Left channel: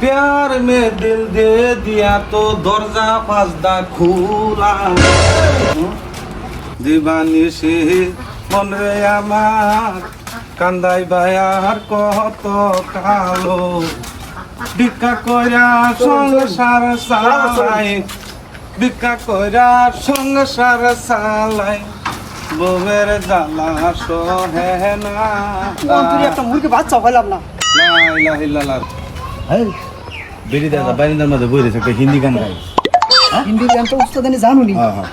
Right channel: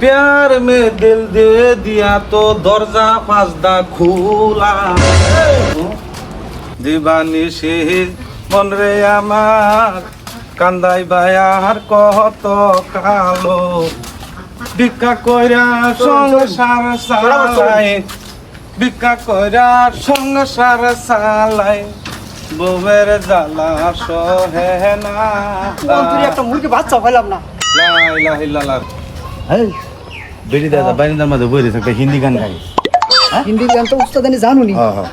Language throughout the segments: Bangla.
प्यार में दिल दे दिया तो दरजा पासदा খোলা দিবানি সে মন রে আমার কান্দাই বায়ার কত কালো ভিক্ষা কইরা সংসার চালাই ভিক্ষা কইরা সংসার চালাই বউয়ের জ্বালা সহে না তুই একটা মুরগি বাচ্চা পাইলাম না লা ইলাহা ইল্লাল্লাহ এই বেরি দাদা বারিন্দার মধ্যে বই রয়েছে একটা হিন্দি গান গাই হিন্দি গান তো উস্তাদানি জানো নি। হ্যাঁ হ্যাঁ।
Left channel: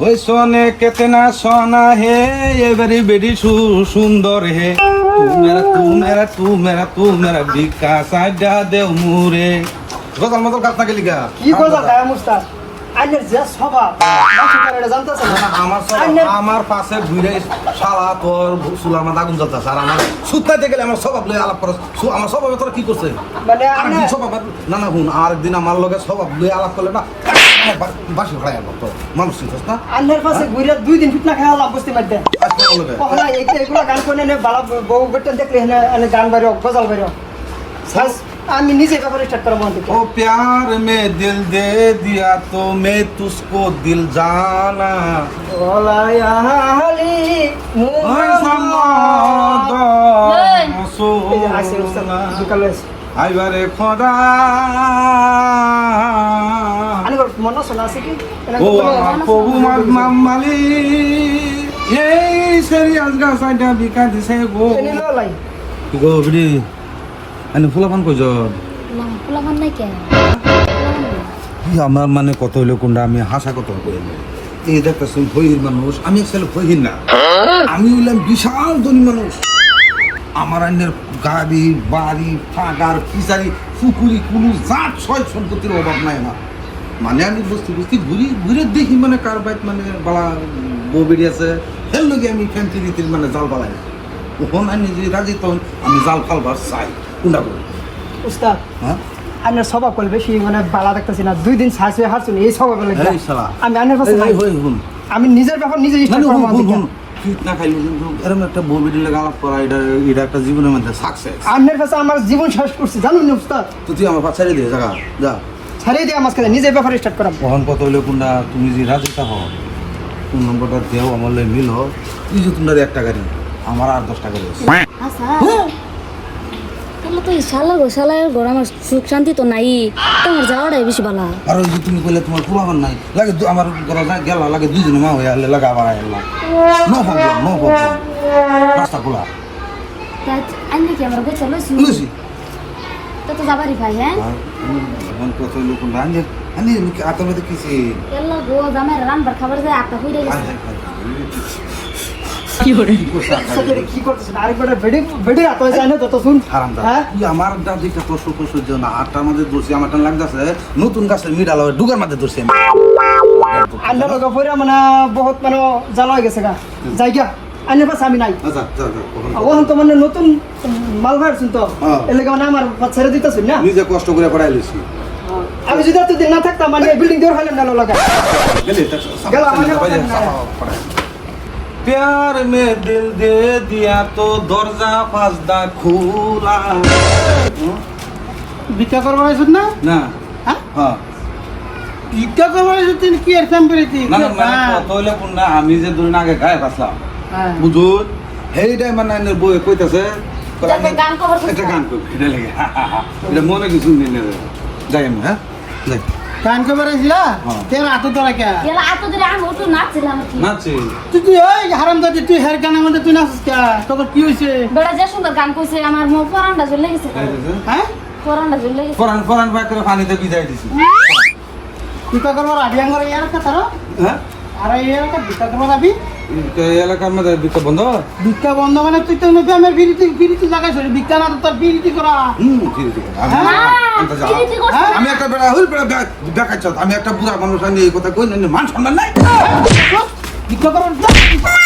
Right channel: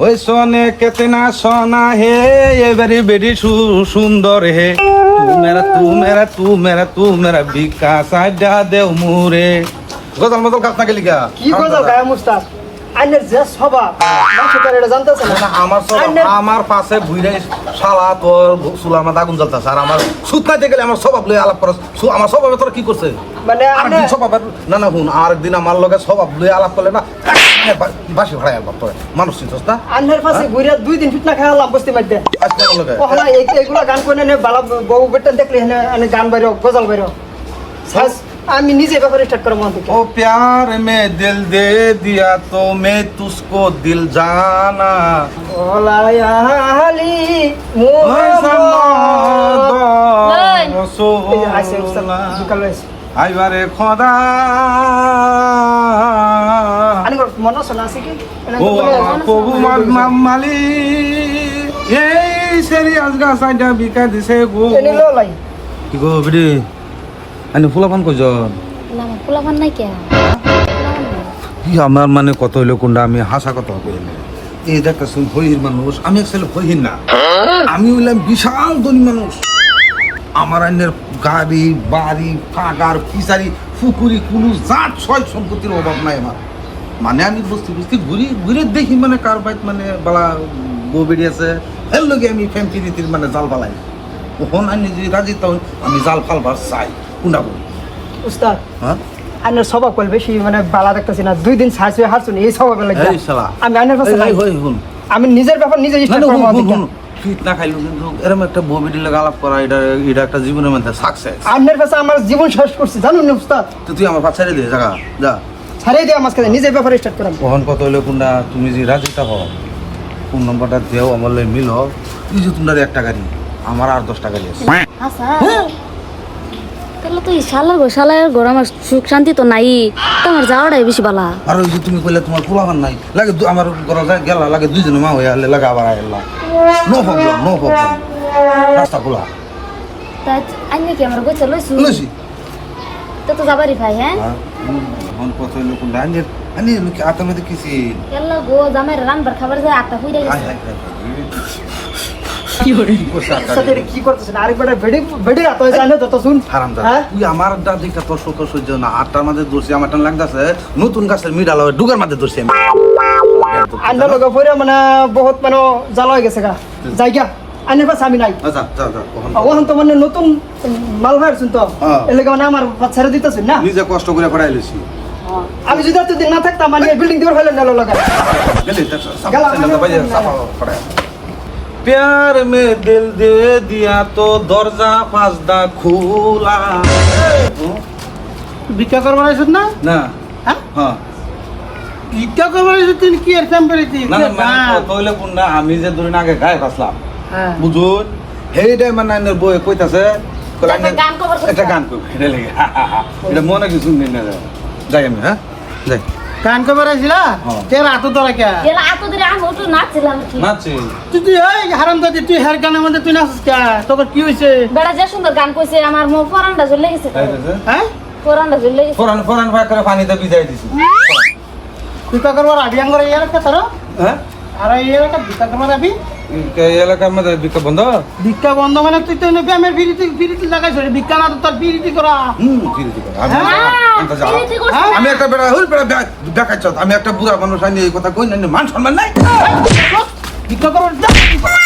ওই সোনে কেতনা সোনা হে এবারে বেরি সু- সুন্দর হে। মেরা তু মেরা তু মেরা তু মেরা বিকাশ আড্ডা দেও মুরে। গজল মজল কাজ থাকে লিখা কি কথা গায়ে মুস্তাদ? আইনের যে মানুষ তার এটা জানতেছে না। আমার সব আইনের- আমার পাশে ভুইরে শালা তোর চুলার মধ্যে আগুন জ্বলতেছে। আর আমার শুকাইতে গেলে আমার স্বভাব লই আলাপ করস। আমার স্বভাবে তোরা কি করছে? মানে আরেকদিন স্বভাব? না না হুন আরেকদিন আমার লগে স্বভাব লই আলাপ করলে না বাসি ভাই আলবা তোর মানুষ চিনছস না? আন্নের পাশে ঘুরে দুই দিন ফিটনা খাওয়া লাভ বসতে এই- এইগুলো গান করে নে বালা বউ বেটা দেখলে গান বাইর গজল বাইর সাইজ আমি নিজে ব্যাপারে স্টার্ট করব ও প্যার মে দিল দে দিয়া তো মে তুসকো দিল জানা। আইবারে খোদা। ও কবু মদ মালি এই গো। গো আনি ফুলাপান কই যাও না নাই কে? কি আমার মানে কত হইল কোনটা? আমি হাসা কথা কই। এই দেখতেছেন হইর মানুষ। আমি আসলে হইর না। আমি হইলাম বিশাল ধনী মানুষ। আমার আইনের গাড়ি বাড়ি ফাগার ফিসারি পুকুরি কুলু জাত ছয় সম্পত্তির অভাব নাই আমার। মানে আমি বুঝতে বুঝতে ঘুরি ঘুরে দেখি মানে কার বাইক মানে বালা বউ আছে। এর লগে আমি ফ্যাম্পি দিতে মানে জাল বালাই ওখান আনি যদি রাজি তখন আমি জাল ফালবার চাই। কোনটা? উস্তাদ হ্যাঁ? স্বভাব বেশি মানে বালা দেখতেছি না দুই দিন সাইজ হয়ে এই স্বভাব। আমি এই, আমি নিজের ব্যাপার নিজে না, স্টার্ট না, করব হুন, হুন, আমি হুন। না খাইলে এরকম একটা বউ বেটি লাগে আলাপ করা এটা এটা একটা জীবনের মধ্যে সাকসেস কাছে আমার জীবন শেষ করছি জানুন না উস্তাদ? তো তুই আমার পাশে দিয়ে জায়গা যা। ছাড়িয়ে দিয়ে আমার কাছে নিজের ব্যাপারে স্টার্ট করাবো তখন কত হইল কোনটা তুমি যে রাজি থাকো কোন নম্বরটা দেও আমার লাগে মিলো তুই যে তোমরা একটা গাড়ি আমার আর দশ টাকা দিয়েছে আচ্ছা তাহলে তো শালার গো শালার ঘর আমার সুখ শান্তি তো নাই তোমার যাওয়াটাই বেশি বালা আর ওই যে তুমি কইলে তোমার পোলাবার নাই লাগে আমার ঘরে গেলা লাগে দুইজন মা হয়ে আলে লাগে আবার আইলা নো প্রবলেম নো প্রবলেম রাস্তা খোলা আনি কি আমার গোছে লইছি লইছি তো তো যাবারই ভাই হ্যাঁ কত হইল কোনটা আমি আমি আত্মার মধ্যে কিছি গো দামের রান্নার খাবার যায় ফিরে আয়, গেছে আয়, আয়। কি করতেছে আরেকবার বেডি বেডি রাত হয়েছে আনে শুন হারাম হ্যাঁ? তুই আমার দাদিটা তোর সুখ সহ্য না আটটার মধ্যে দোষী আমার টান লাগতেছে নতুন গাছের মিডাল ডুগার মধ্যে দোষী আমি লগে পরে মানে বহুত মানে জ্বালা হয়ে গেছে গা জায়গা আন্নের পাশে আমি নাই আচ্ছা ওখান তো মানে নতুন মাল ভাড়ছুন তো হ্যাঁ। এলাকা মানে আমার ছেড়ে দিতেছেন না নিজে কষ্ট করে করাই লিছি আমি যদি এতদিন না থাকতাম মানে বিল্ডিং দিয়ে ফেলেন গেল লগা গেল, प्यार में दिल दे दिया तो दरजा पासदा খোলা ভিক্ষা করবার আইসুন না না হ্যাঁ? হ্যাঁ ভিক্ষা করবার আইসুন কি আর টেম্পারেচার না না মানে কত হইলে কোন না আমি যে দুদিন আগে গায়ে বাসলাম হ্যাঁ বুঝুন হেইটাই মানে আইনের বই কইতাছে তো একটা আইনের- গান cover করতে একটা গান কই এটা লেগে এটা মনে কিছু মিল না যাই আমি হ্যাঁ যাই গান করবার হ্যাঁ। তের হাত ধরা কে এলা আতো দিলে আমি তো নাচছিলাম ঠিক নাচি? তুই তুই ওই হারাম দাদি তুই হের কে? তোর কি বেড়া যে সুন্দর গান কইছে আমার মুখ ফরানটা জ্বলে গেছে। হ্যাঁ? ফরানটা জ্বলে গেছে। ফরান ফরান ভাই করে পানিতে ভিজাই দিছি। ভিক্ষা করবার আবি আঙ্গর ইয়ার কে তোর? হ্যাঁ? আর ইয়ার কে ভিক্ষা করবার আবি? এই এলাকার মধ্যে বিক্ষোভ বন্ধ? ভিক্ষা বন্ধ মানে তুই তো গ্রামের বিরিতি বিরিতি লাগাইছ ভিক্ষা না তো তোর বিরিতি করা। হুম করো। আমি- হ্যাঁ, আমি- হ্যাঁ? একটা বেড়া হইল বেড়া দেখাচ্ছ আমি একটা বুড়া মানুষ আমি এই কথা কই না মান সম্মান নাই। করবার